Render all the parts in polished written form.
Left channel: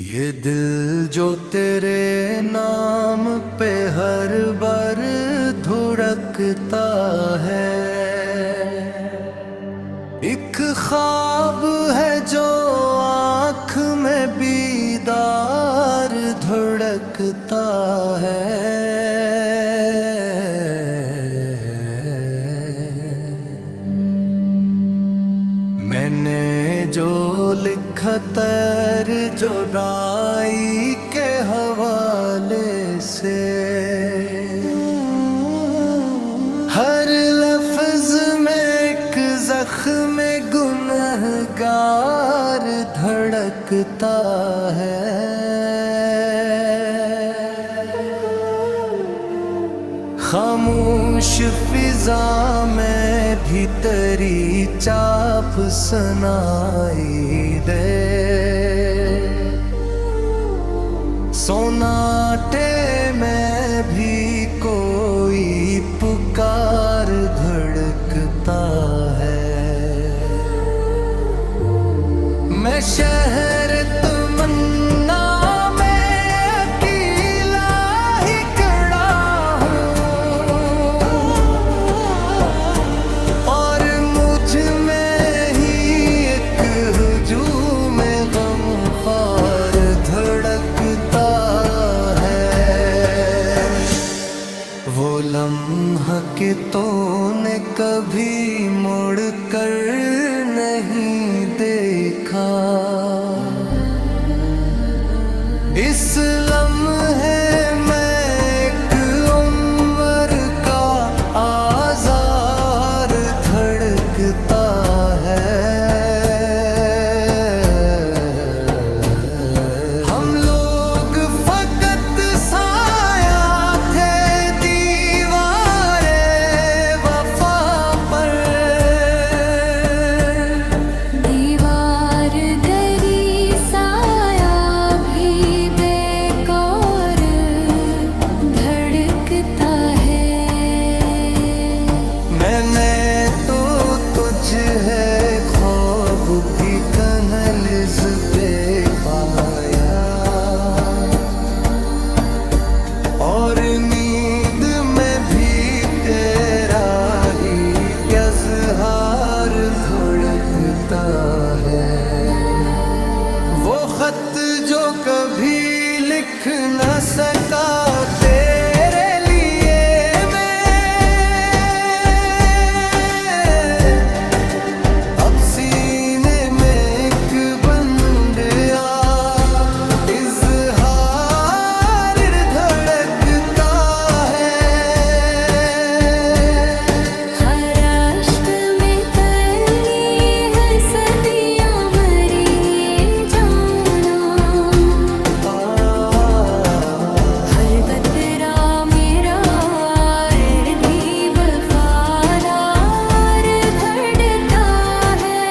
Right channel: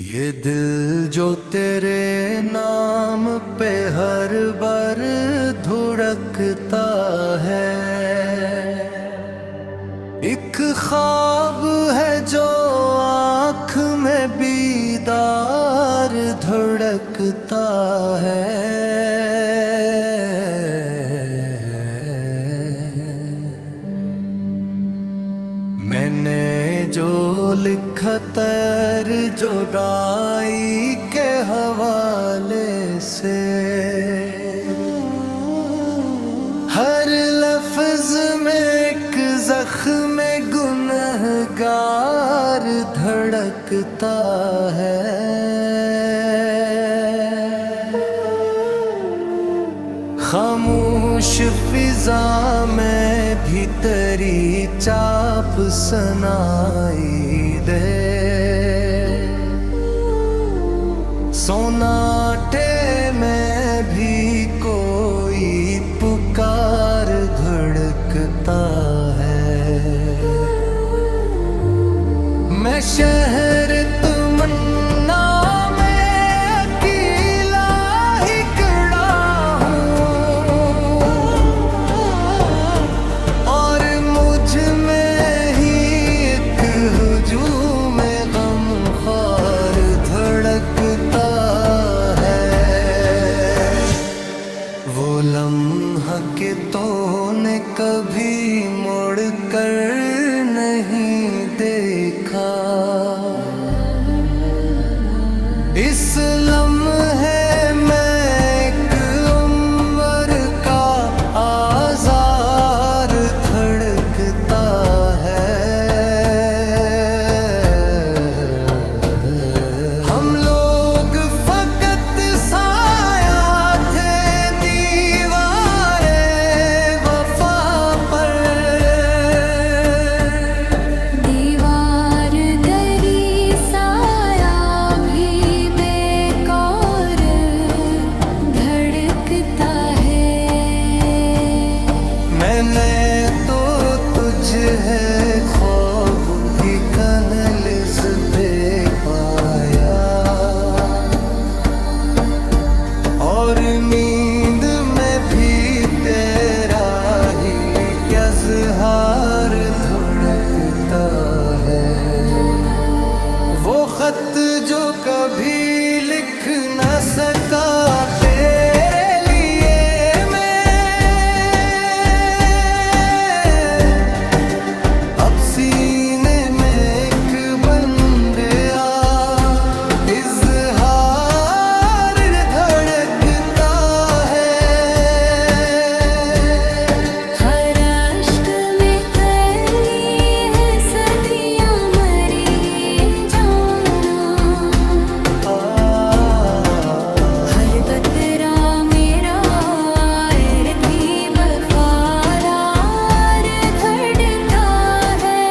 ये दिल जो तेरे नाम पे हर बार धुड़कता है, एक ख्वाब है जो आँख में बीदार धड़कता है। मैंने जो लिखा तर जुदाई के हवाले से, हर लफ्ज में एक जख्म गुनहगार धड़कता है। खामोश फिजा में भी तेरी चाप सुनाई दे, सोनाटे में भी कोई पुकार धड़कता है। मैं शहर तमन्ना वो लम्हा के तूने कभी मुड़ कर नहीं देखा, इस लम्हे में एक उम्र का आज़ार धड़कता है। हम लोग फकत साया थे दीवारे वफा पर, दीवार गरी साया भी बेकार धड़कता है। मैंने तो तुझ है ख्वाब भी कनलिज़ पे पाया, और नींद में भी तेरा ही इज़हार धड़कता है। वो खत जो कभी लिख न सका तेरे लिए मैं, अब सीने में एक बंद इज़हार धड़कता है। हर अश्क में तली है सदियां मरी ये जाना, हर कतरा मेरा भी वफादार धड़कता है।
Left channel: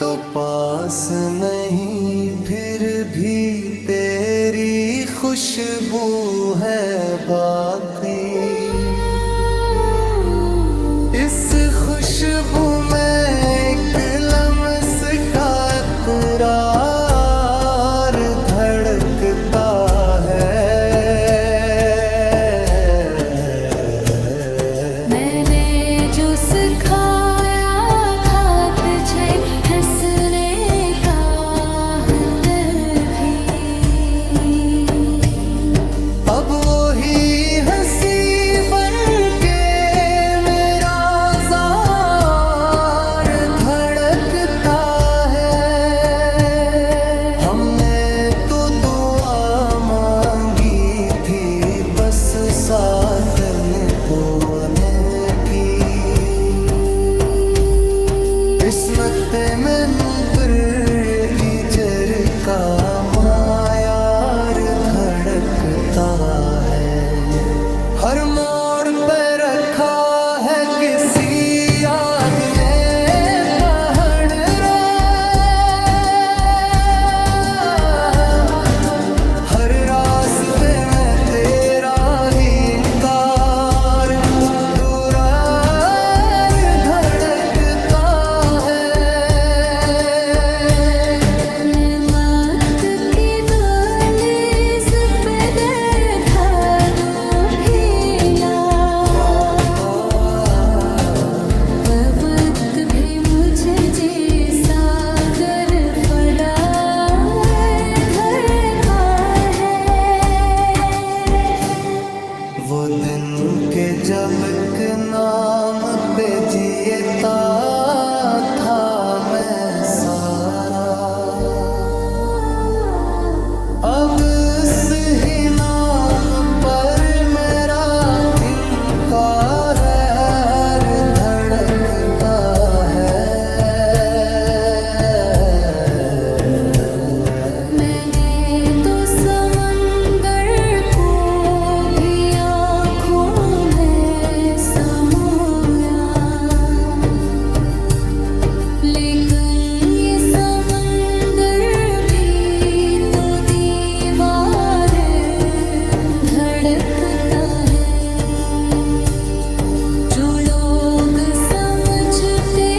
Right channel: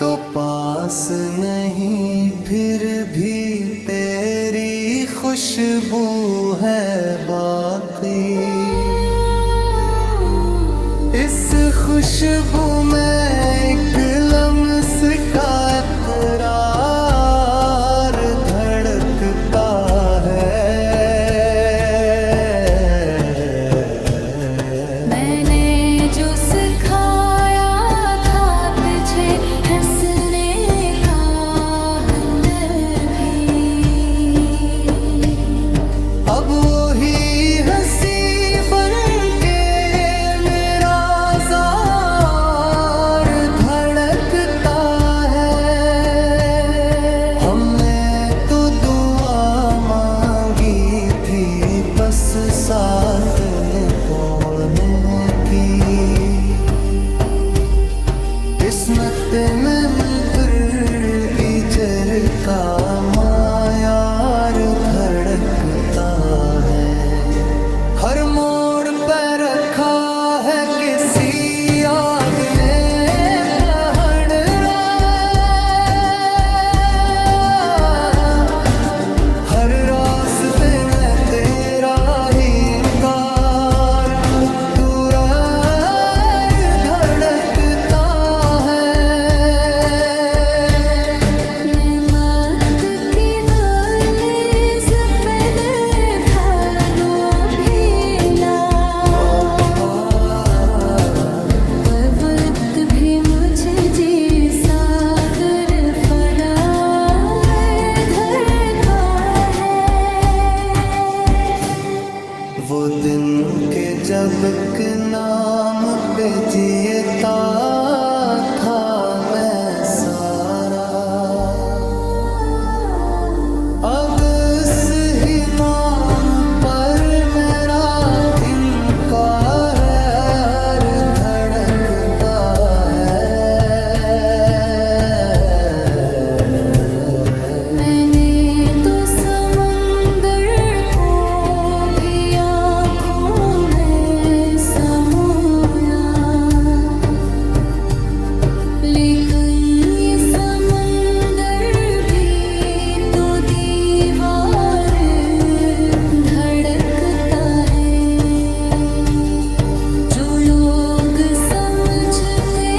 तो पास नहीं फिर भी तेरी खुशबू है बाकी, इस खुशबू में एक लम्स का इकरार धड़कता है। मैंने जो सिखाया था तुझे हंसने का हुनर भी, अब वही हंसी बन के मेरा ज़ार धड़कता है। हमने तो दुआ मांगी थी बस साथ निभाने की, किस्मत में इजर का मायार धड़कता है। हर मोड़ पे रखा है किसी याद ने पहरा, हर रास्ते में तेरा ही इनकार दूर धड़कता है। जब एक नाम पे जीता था मैं सारा, अब इस ही नाम पर मेरा इनकार धड़कता है। मैंने तो समंदर को भी आँखों में समोया, लेकिन ये समंदर भी तो दीवार धड़कता है। जो लोग समझते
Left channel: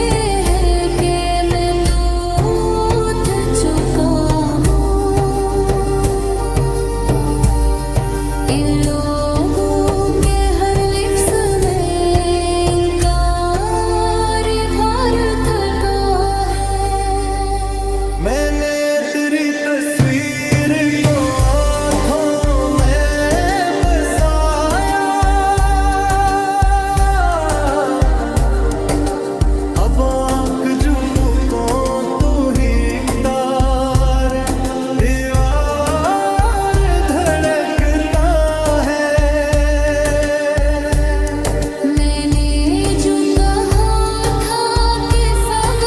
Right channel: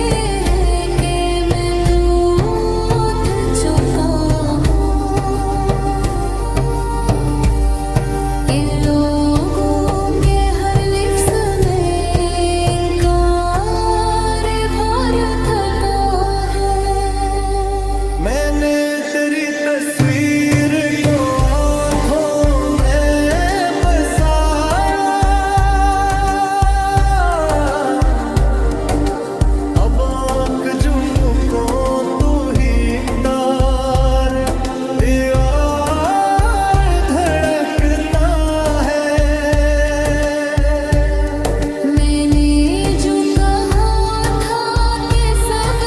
हैं कि मैं तो उठ चुका हूँ, इन लोगों के हर लिप्स में इनकार भर थका है। मैंने तेरी तस्वीर को आँखों में बसाया, अब आँख झुको तो ही तार दीवार धड़कता है। मैंने जो कहा था कि सब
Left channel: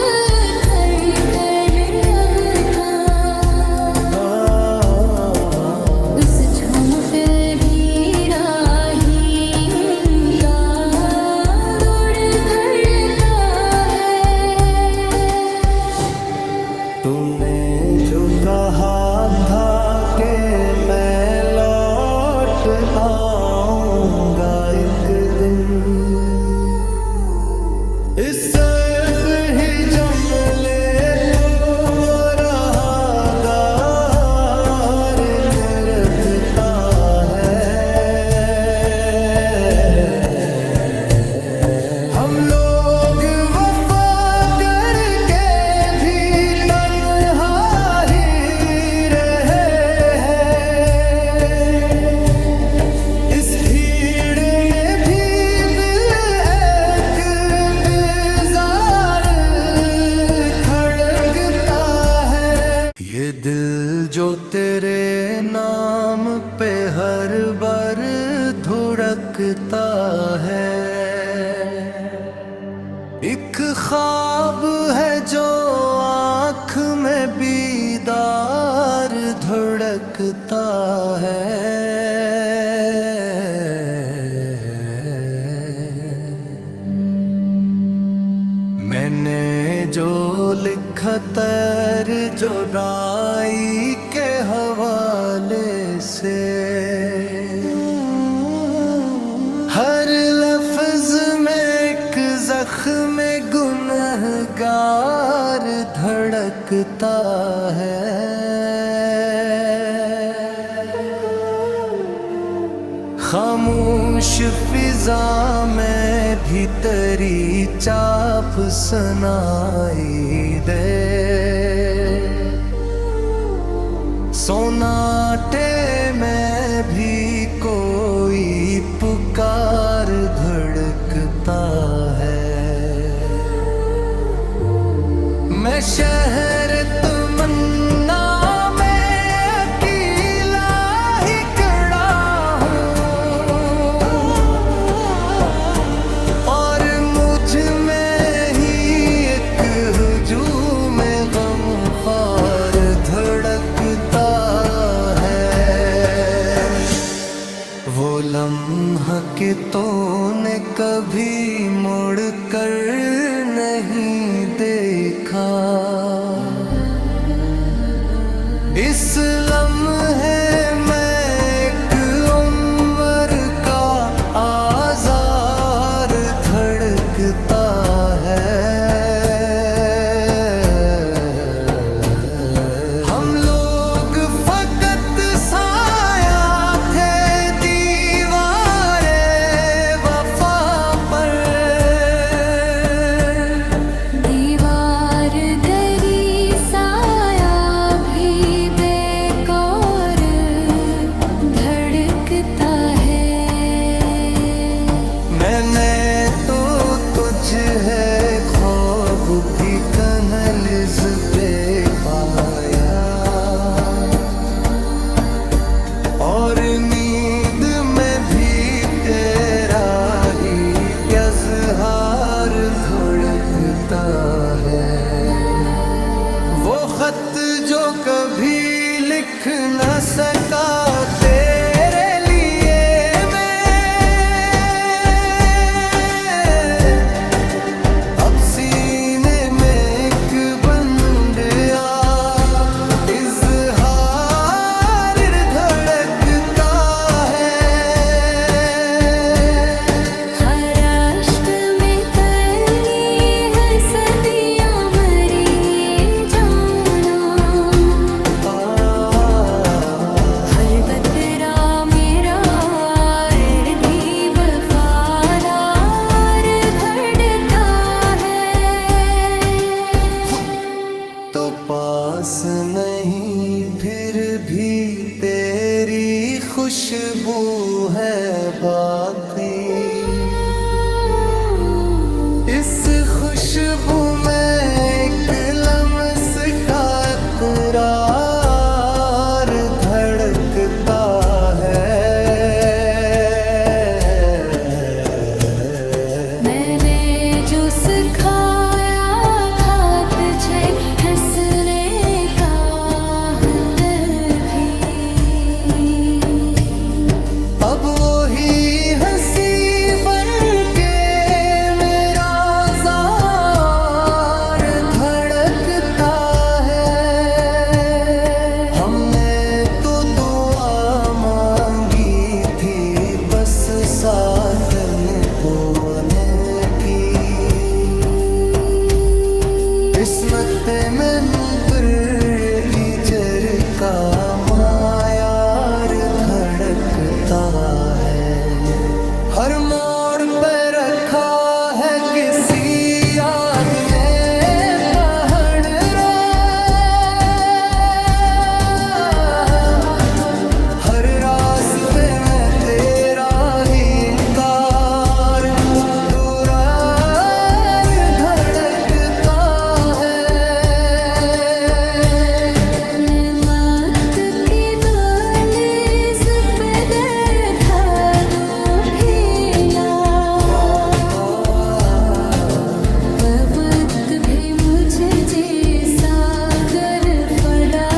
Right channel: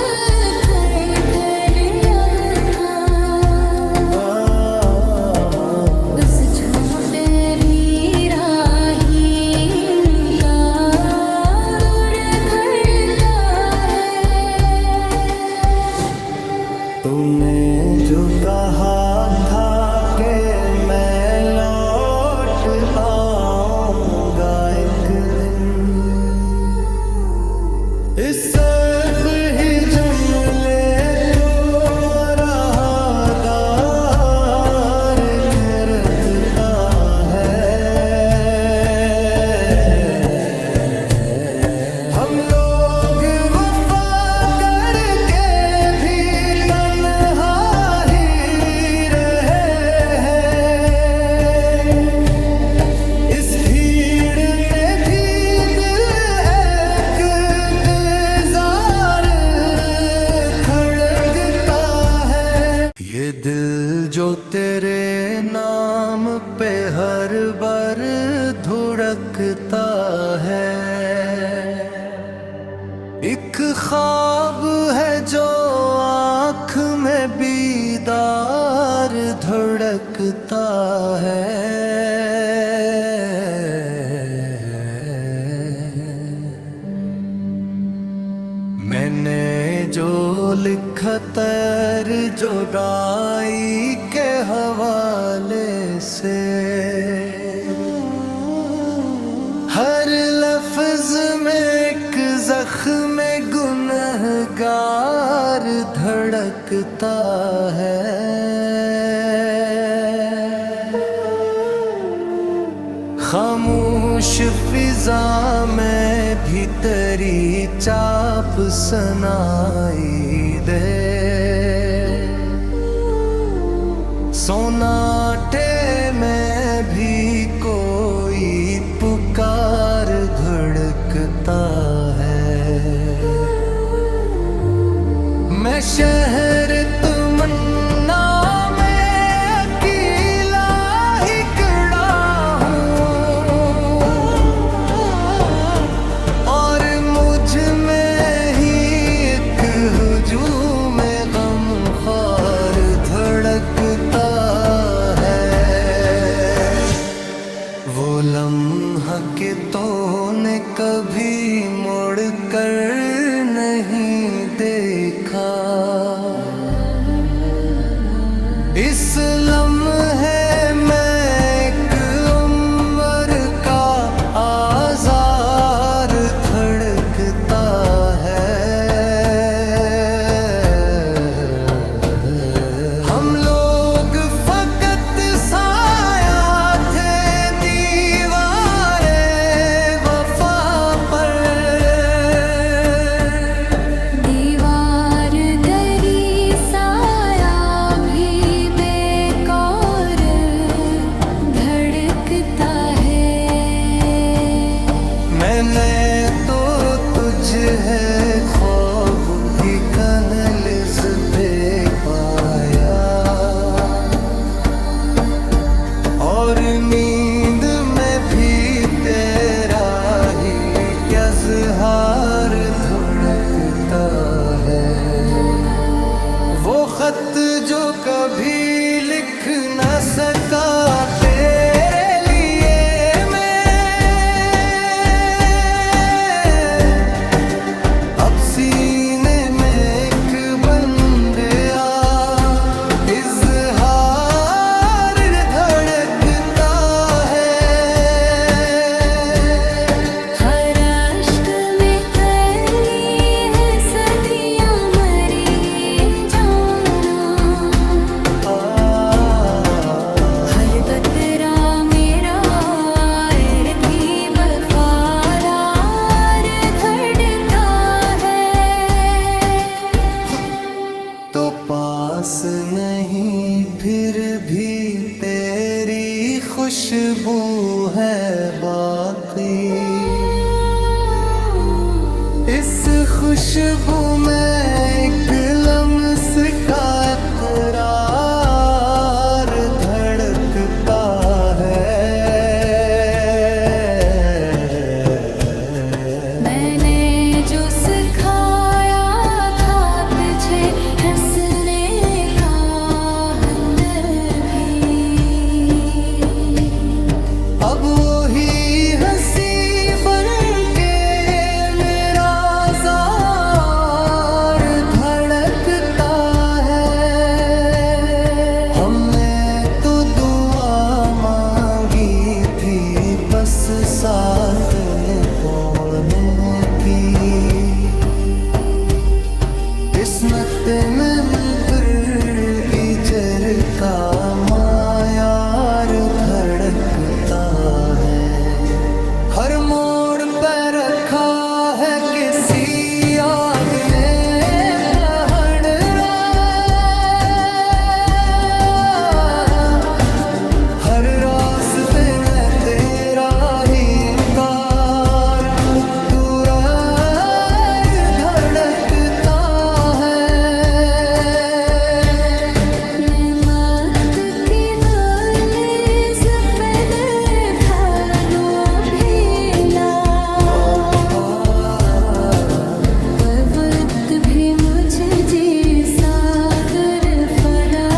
थर-थर अब था, उस झूमते भी राहीन का उड़ घड़ता है। तूने जो कहा था कि मैं लौट आऊंगा एक दिन, इस सब ही जुमले को मरादार रखता है। हम लोग वफा करके भी तन्हा ही रहे हैं, इस भीड़ में भी दिल एक बेजार खड़कता है। ये दिल जो तेरे नाम पे हर बार धुड़कता है, एक ख्वाब है जो आँख में बीदार धड़कता है। मैंने जो लिखा तर जुदाई के हवाले से, हर लफ्ज में एक जख्म गुनहगार धड़कता है। खामोश फिजा में भी तेरी चाप सुनाई दे, सोनाटे में भी कोई पुकार धड़कता है। मैं शहर तमन्ना में अकेला ही खड़ा हूँ, और मुझ में ही एक हुजूम गमख्वार धड़कता है। वो लम्हा कि तूने कभी मुड़ कर नहीं देखा, इस लम्हे में एक उम्र का आज़ार धड़कता है। हम लोग फकत साया थे दीवारे वफा पर, दीवार गरी साया भी बेकार खत जो कभी लिख न सका तेरे लिए मैं, अब सीने में एक बन गया इज़हार धड़कता है। हर अश्क में पहली है सदियां मरी जाना, हर कतरा मेरा भी वफादार धड़कता है। तो पास नहीं फिर भी तेरी खुशबू है बाकी, इस खुशबू में एक लम्स का इकरार धड़कता है। मैंने जो सिखाया था तुझे हंसने का हमदर्द भी, अब वही हंसी बन के मेरा ज़ार धड़कता है। हमने तो दुआ मांगी थी बस साथ निभाने की, किस्मत में इजर का मायार धड़कता है। हर मोड़ पे रखा है किसी याद ने पहरा, हर रास्ते में तेरा ही इनकार दूरार धड़कता है। मैं मौत की दहलीज पे बैठा दो भीला, वक्त भी मुझे जैसा कर फदा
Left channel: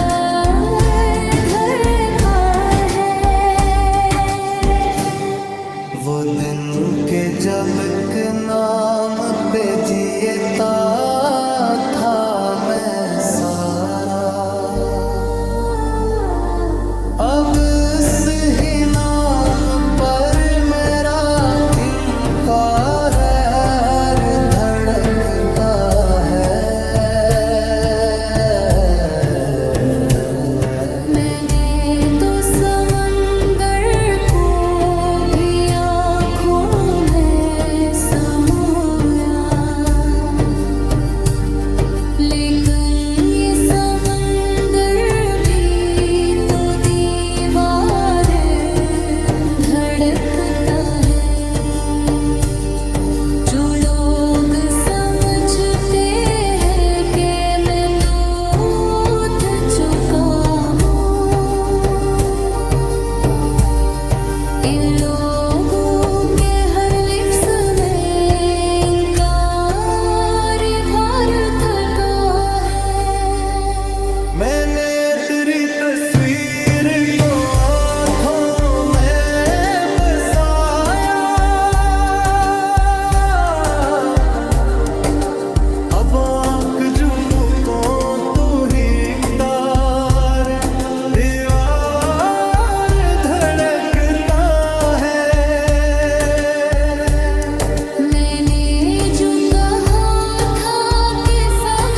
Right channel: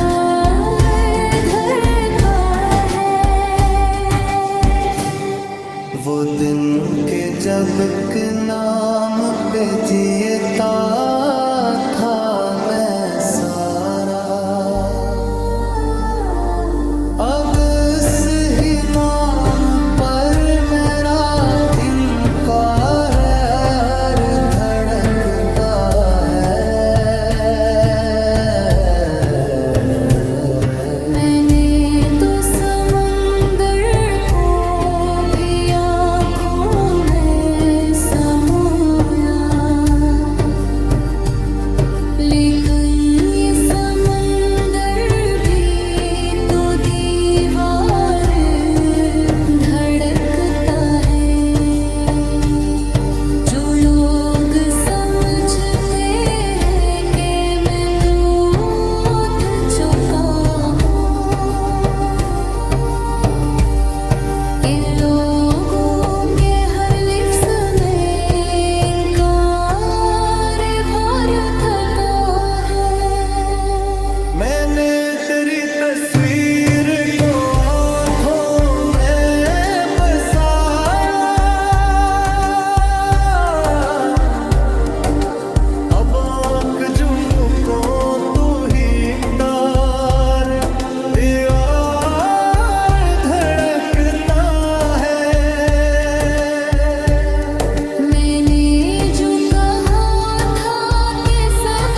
धड़का है। वो दिन के जब एक नाम पे जीता था मैं सारा, अब इस ही नाम पर मेरा इनकार धड़कता है। मैंने तो समंदर को भी आँखों में समोया, लेकिन ये समंदर भी तो दीवार धड़कता है। जो लोग समझते हैं कि मैं तो उठ चुका हूँ, इन लोगों के हर लिफ्स में इनकार भर थका है। मैंने तेरी तस्वीर को आँखों में बसाया, अब आँख झुको तू ही तार दीवार धड़कता है। मैंने जो कहा था कि सब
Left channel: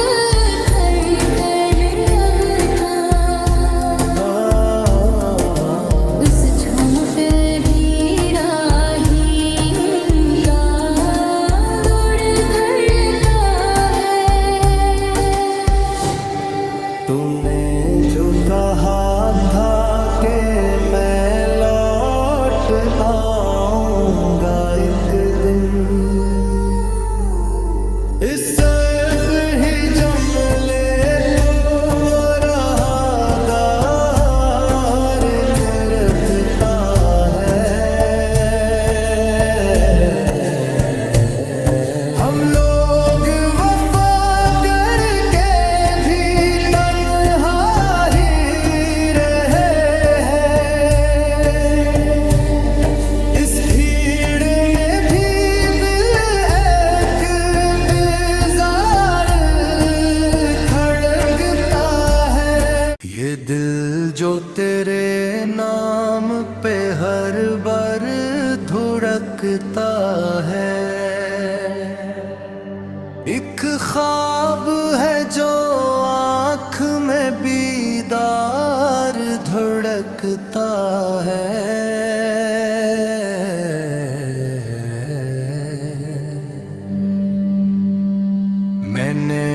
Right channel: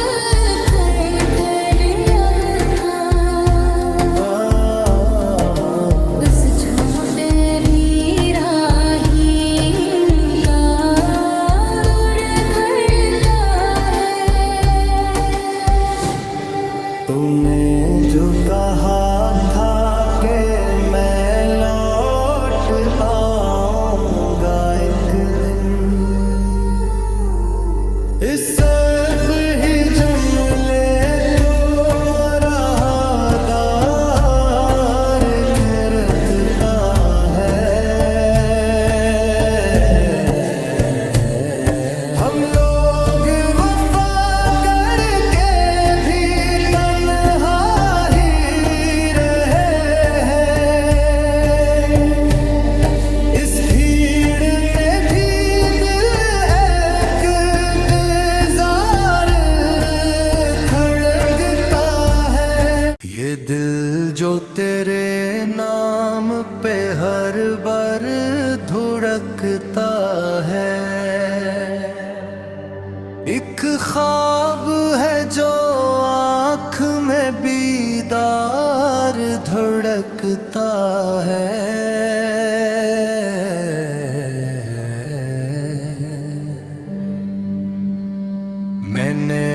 कर अब था, उस झूमते भी राहीन का रोड घड़ता है। तूने जो कहा था कि मैं लौट आऊंगा एक दिन, इस सब ही जुमले को मरादार रखता है। हम लोग वफा करके भी तन्हा ये दिल जो तेरे नाम पे हर बार धुड़कता है, एक ख्वाब है जो आँख में बीदार धड़कता है। मैंने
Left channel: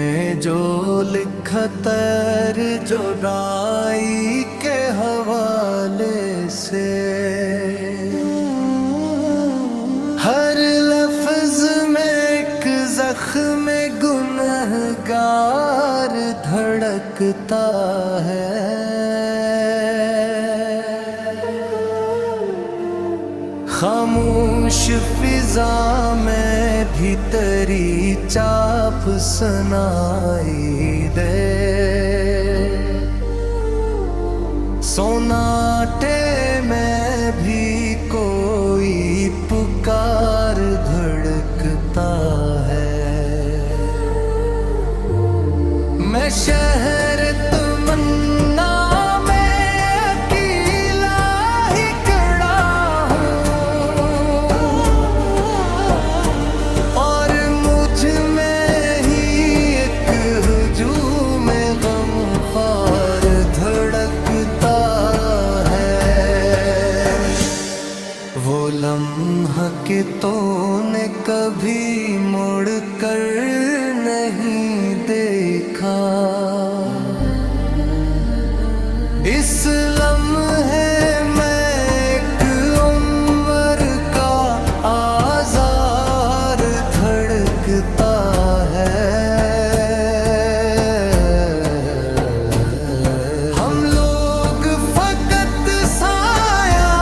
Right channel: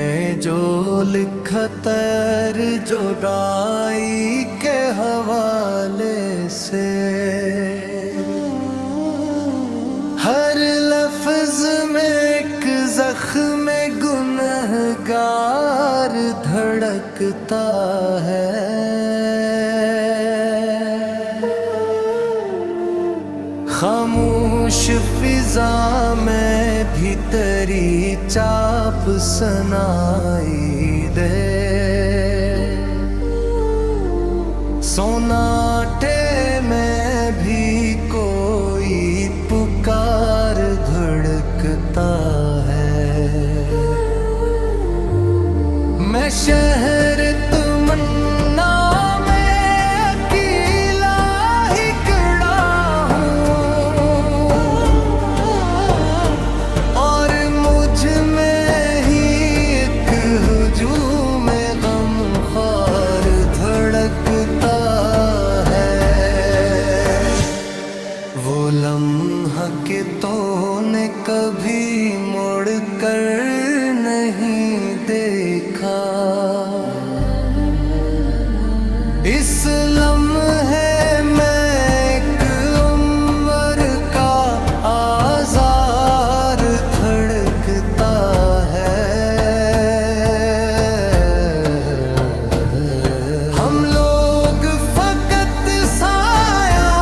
जो लिखा तर जुदाई के हवाले से, हर लफ्ज में एक जख्म गुनहगार धड़कता है। खामोश फिजा में भी तेरी चाप सुनाई दे, सोनाटे में भी कोई पुकार धड़कता है। मैं शहर तमन्ना में अकेला ही खड़ा हूँ, और मुझ में ही एक हुजूम गमख्वार धड़कता है। वो लम्हा के तूने कभी मुड़ कर नहीं देखा, इस लम्हे में एक उम्र का आज़ार धड़कता है। हम लोग फकत साया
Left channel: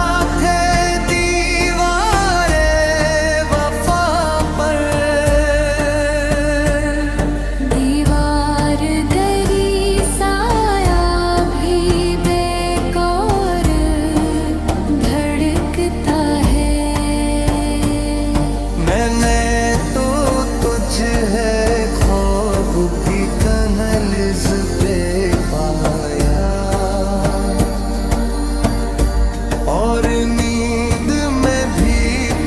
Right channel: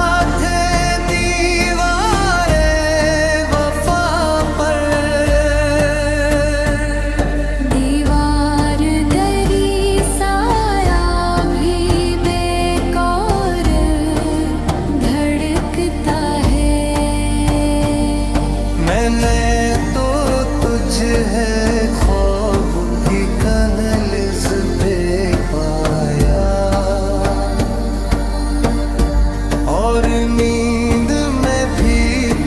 थे दीवारे वफा पर, दीवार दरी साया भी बेकार धड़कता है। मैंने तो तुझ है ख्वाब भी कनलिज पे पाया, और नींद में भी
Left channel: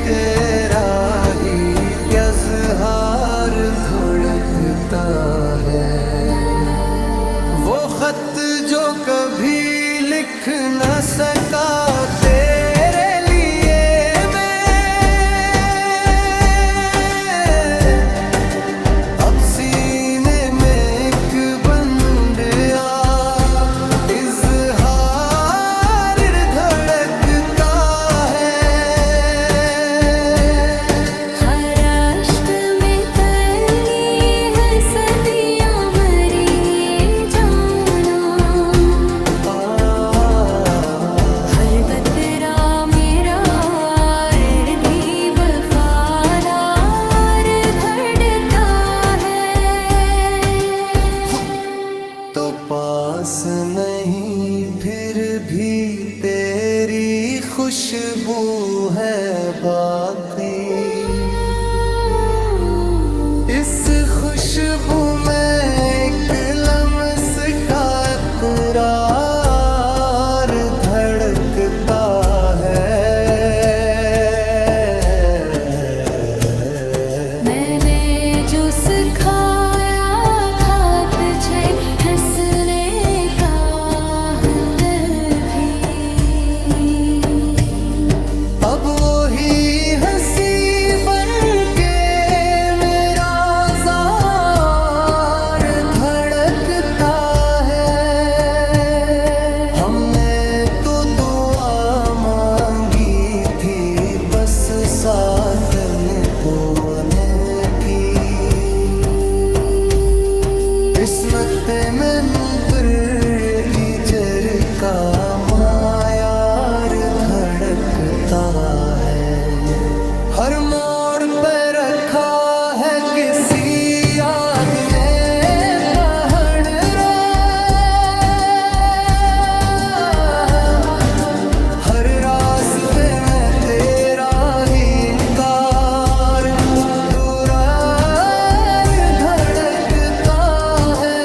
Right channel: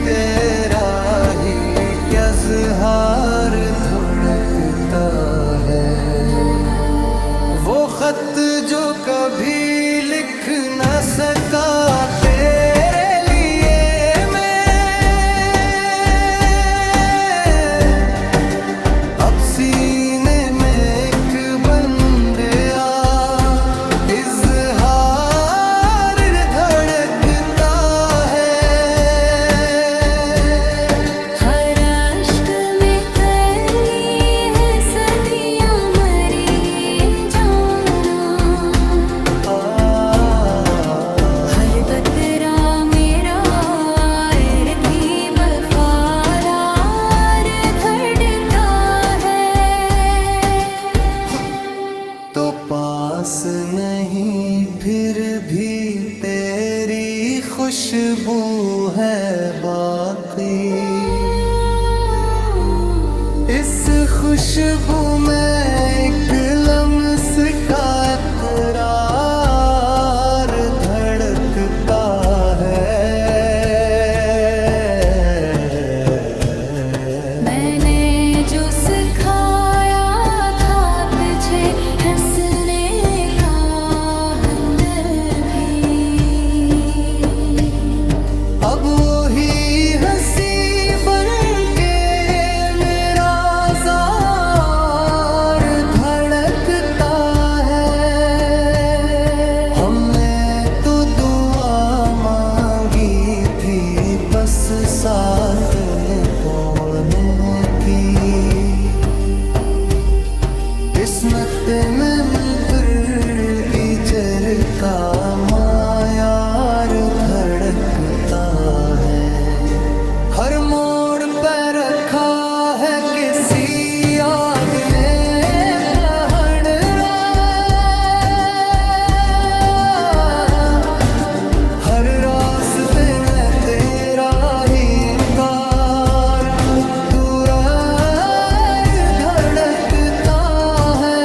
तेरा ही इज़हार धड़कता है। वो खत जो कभी लिख न सका तेरे लिए मैं, अब सीने में एक बंद इज़हार धड़कता है। हर अश्क में तली है सदियां मरी ये जाना, हर कतरा मेरा इर्दी वफादार धड़कता है। तो पास नहीं फिर भी तेरी खुशबू है बाकी, इस खुशबू में एक लम्स का इकरार धड़कता है। मैंने जो सिखाया था तुझे हंसने का हुनर भी, अब वही हंसी बन के मेरा ज़ार धड़कता है। हमने तो दुआ मांगी थी बस साथ निभाने की, किस्मत में इजर का मायार धड़कता है। हर मोड़ पे रखा है किसी याद ने पहनरा, हर रास्ते में तेरा ही इनकार दूर धड़कता है।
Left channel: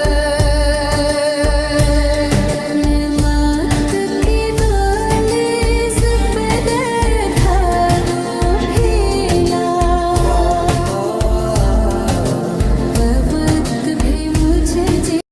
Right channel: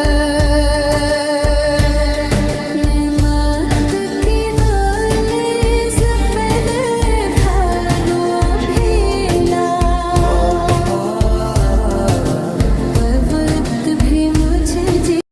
जी